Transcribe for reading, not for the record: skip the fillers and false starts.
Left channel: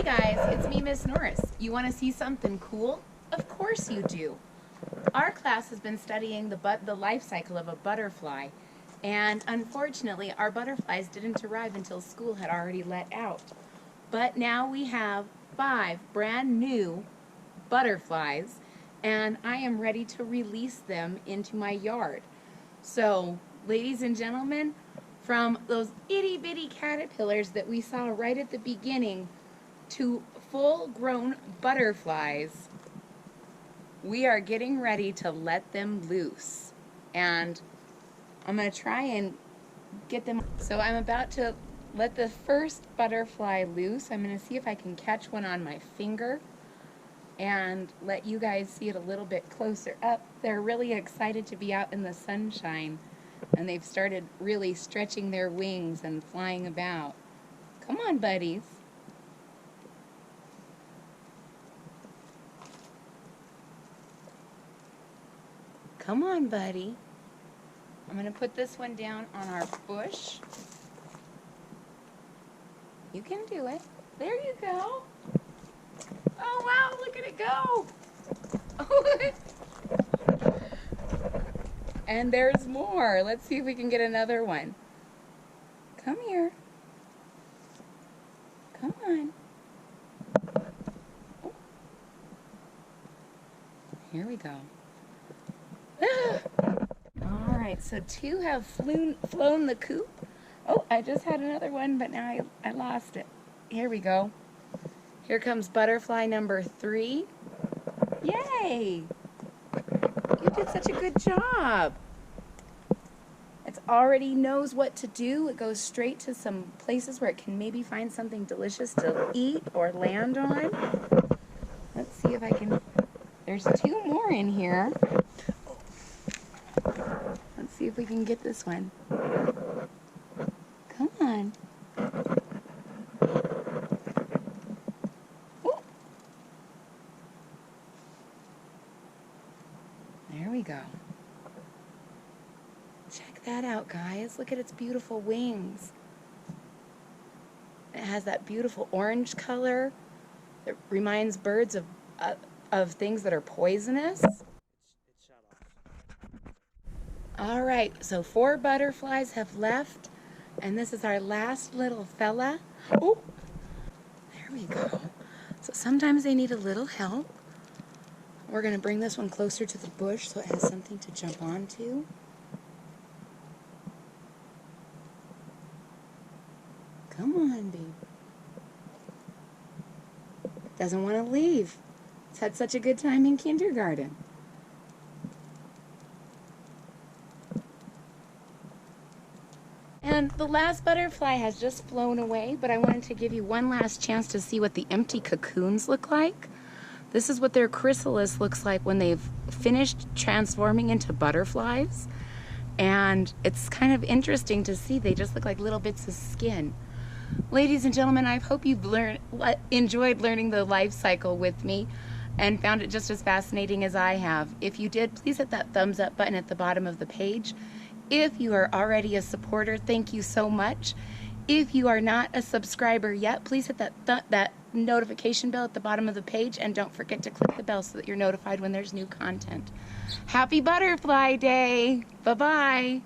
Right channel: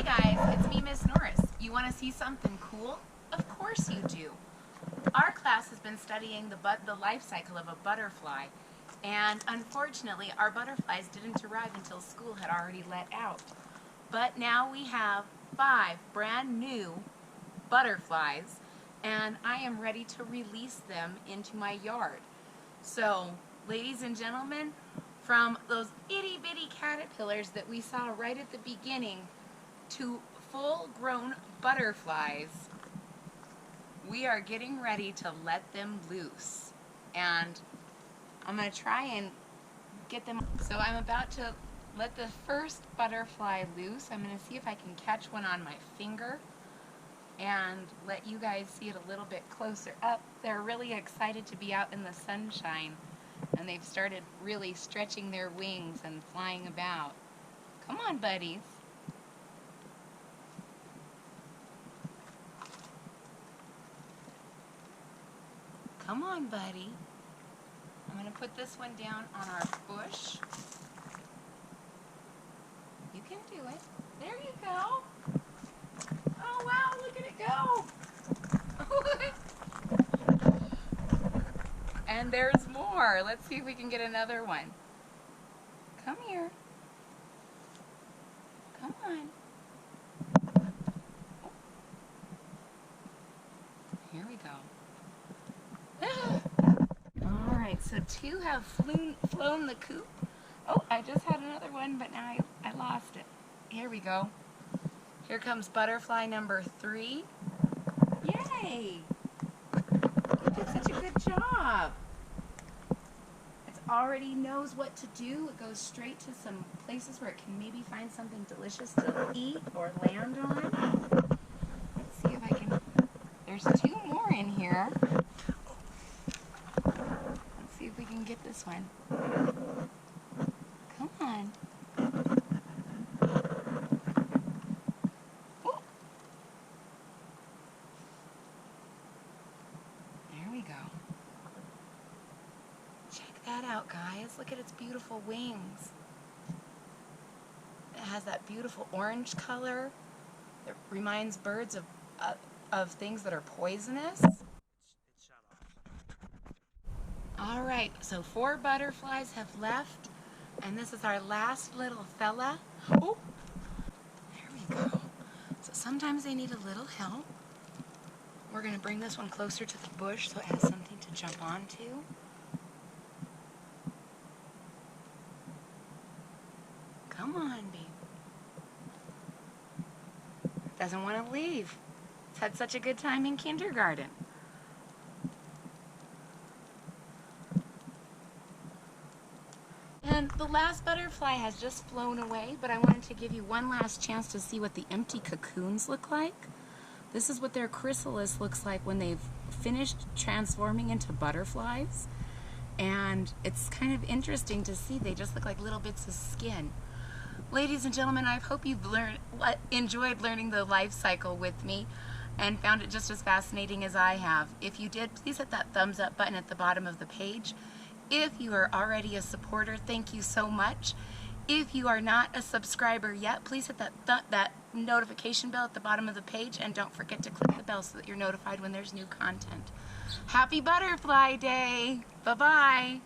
Hey guys, it's me, Miss Norris. You want to see something cool? Of course you do. Our class has been studying the life cycle of a butterfly, and unfortunately our butterflies didn't arrive until school had already let out. But now we have 5 brand new butterflies, and I am ready to release them into my yard. So, ladies and gentlemen, from those itty bitty caterpillars that we saw right at the beginning to full-grown butterflies, we are getting ready to let them loose. And I'm going to try and get them. So I'm about to let the first butterfly loose. I'm going to see if I can catch one on my finger and let you guys see it a little bit closer up. They're really excited to be out in the sunshine, and they've started really stretching their wings and flying about. Come on, buddies. Come on, buddy. I'm going to put this one down on our bush. You can do it. There you go. Oh, wow, look at it go. And there's more. Let's see if we can get another one. Come here. Come on. Oh. Here we go. All right, so 2 have flown the coop. Oh, I just had another one, but now I lost it. Here we go. Here comes butterfly number 3. Yay! You did such a good job. It already knows what to do. It goes straight to some places where it can maybe find something delicious to eat or land on. Let's see if I can. There's 2 more in here. Let's see if we can get this one. Come on. Ooh. There we go. Check that out, guys. Look at its beautiful wings. It has that beautiful orange color that reminds birds of things that are poisonous. All right, so 4 butterflies have left, and this is our last little fella. Oh, there we go. So sometimes they need a little help. We're going to bring this one closer to the bush so it has something to jump onto. Come on, babe. Doesn't want to leave. It's had such a good time in kindergarten. And the last butterfly has just flown away, but I wanted to give you one last chance to see what the empty cocoons look like. This is what their chrysalis looks like when they've finished transforming into butterflies. And it's kind of interesting to see. They just look like little bits of skin. Ladies and gentlemen, I hope you've enjoyed learning the life cycle with me and found it just as fascinating as I have. If you did, please hit that thumbs up button at the bottom of the page. If you are already a supporter, thank you so much. If you are not a subscriber yet, please hit that notification bell at the bottom of the page, and don't forget to click the bell so that you're notified when there's new content. Happy Butterfly Day! Bye-bye!